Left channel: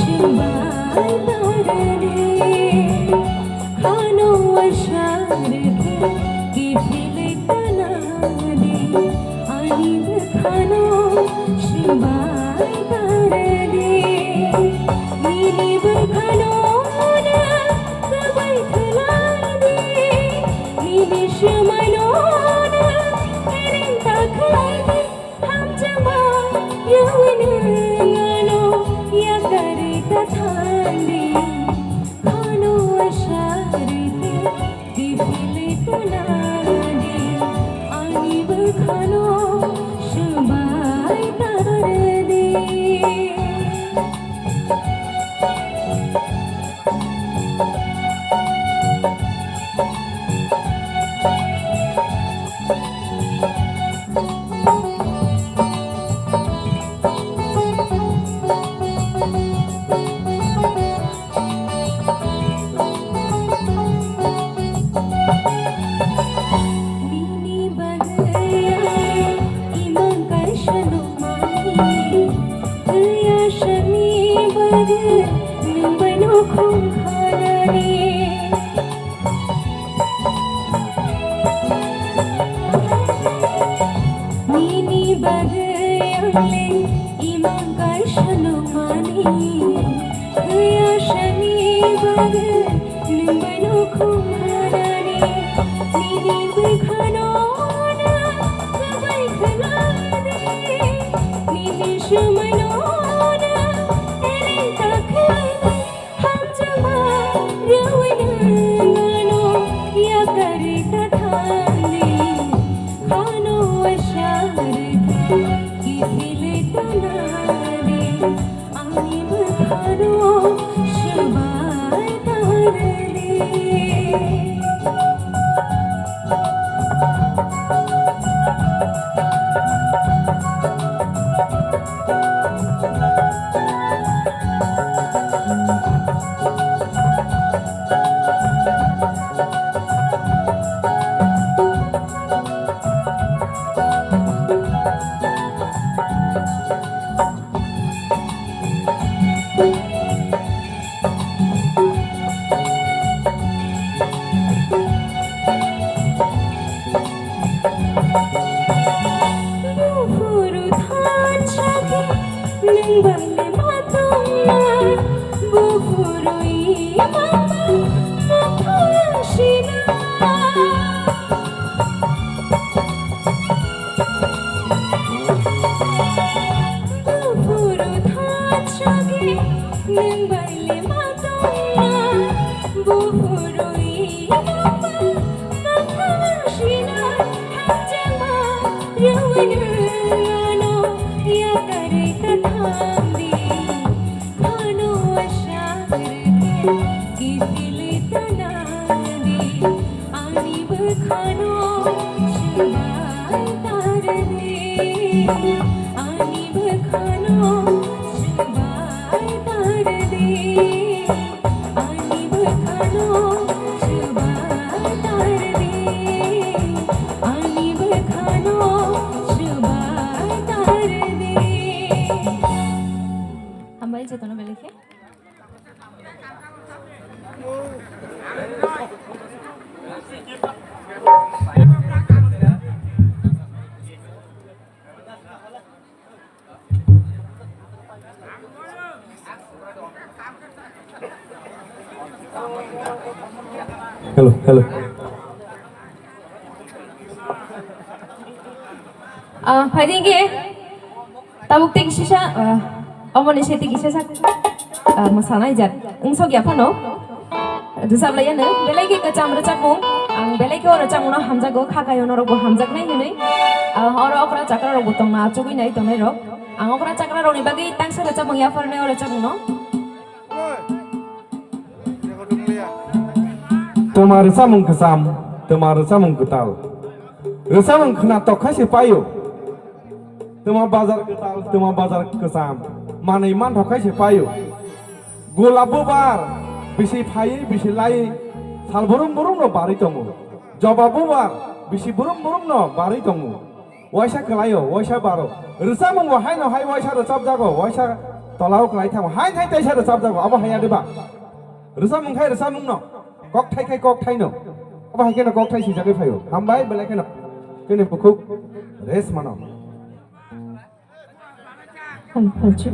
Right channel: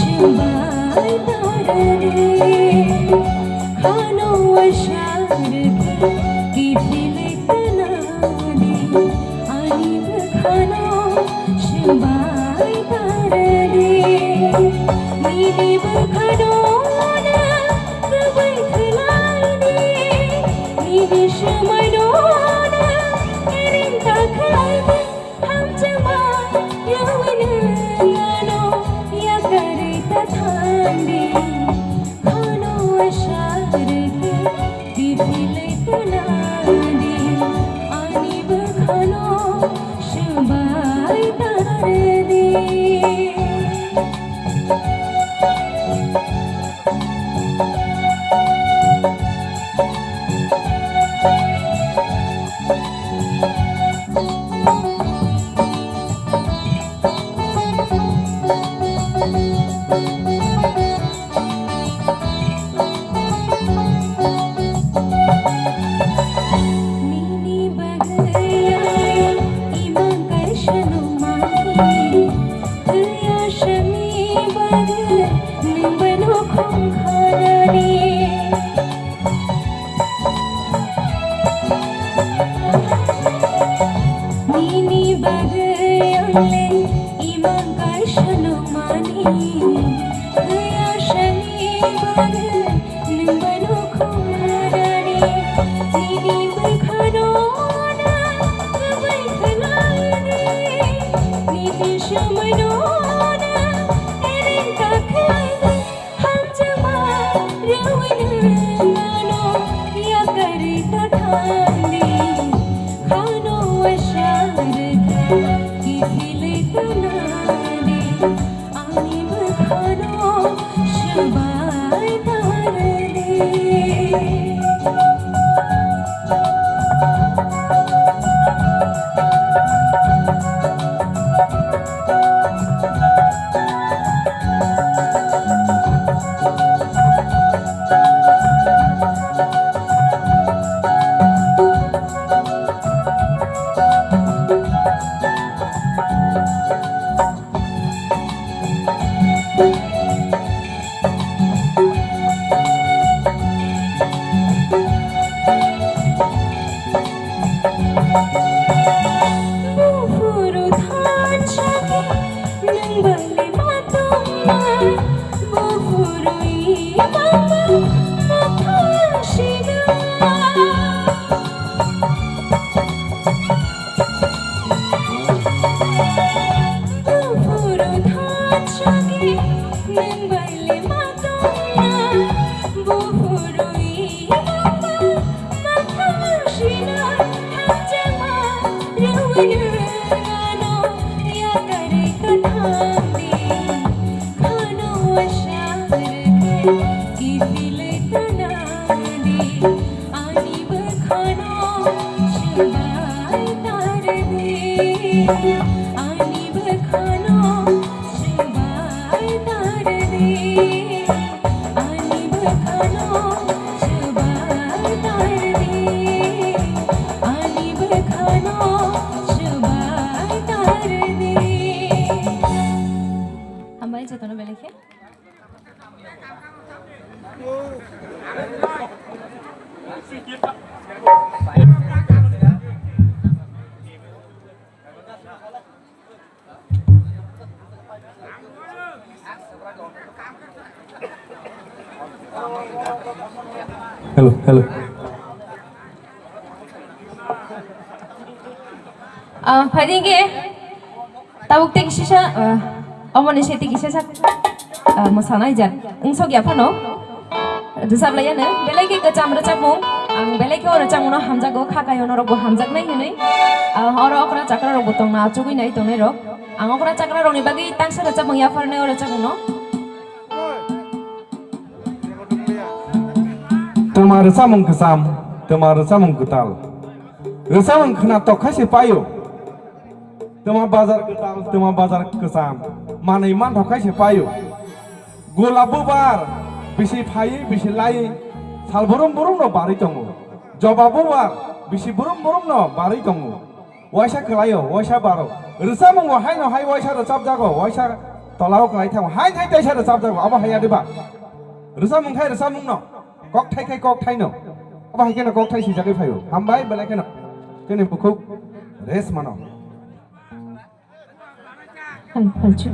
शिवाय तारणे खानो अशारखे किफिले कनादे आणि खानो शिवाय तारणे नीली बखानो कबाई खलाने नीली शमनो एरिन ताखाने हम जमा युवनलानो या करे कथांडे खानो अशारखे किफिले कनादे आणि बखानो शिवाय तारणे Hello. Padingge, tabuk tek sisa, omone seti kisah masalah aja. Engsok ya pano, desab layan belai ke kecam recapung, belai ke orang camuno hamzah go khakayo norogo hamzah nai hune, orang okra cakra rogo tong na acugui nai tong nai ro, okra cakra rogo ni bagi tang se recapung ya farne orang camuno. Tomar samung kesam, tomar samung ketal. Samung kena tokasi payu. Tomar bazar ketal, tomar bazar kesam. Mana iman tokasi payu. Gula bubar, bisi payu, bisi lai. Sal burung no bari tongu. Jawab bubar, bisi burung no bari tongu. Waisa kelayo, waisa baro. Samung wahai no hai waisa recap jago, waisa tolao cái thằng hai thay tay xe được sao đâu ông hay à đi bà rồi sao mừng hay rồi sao mừng nó cọc thay nó ông hay cái nó cọc thay gì ra cái phải không ham bái bên này cái nó cái này một khúc rest mà nó Phải chịu.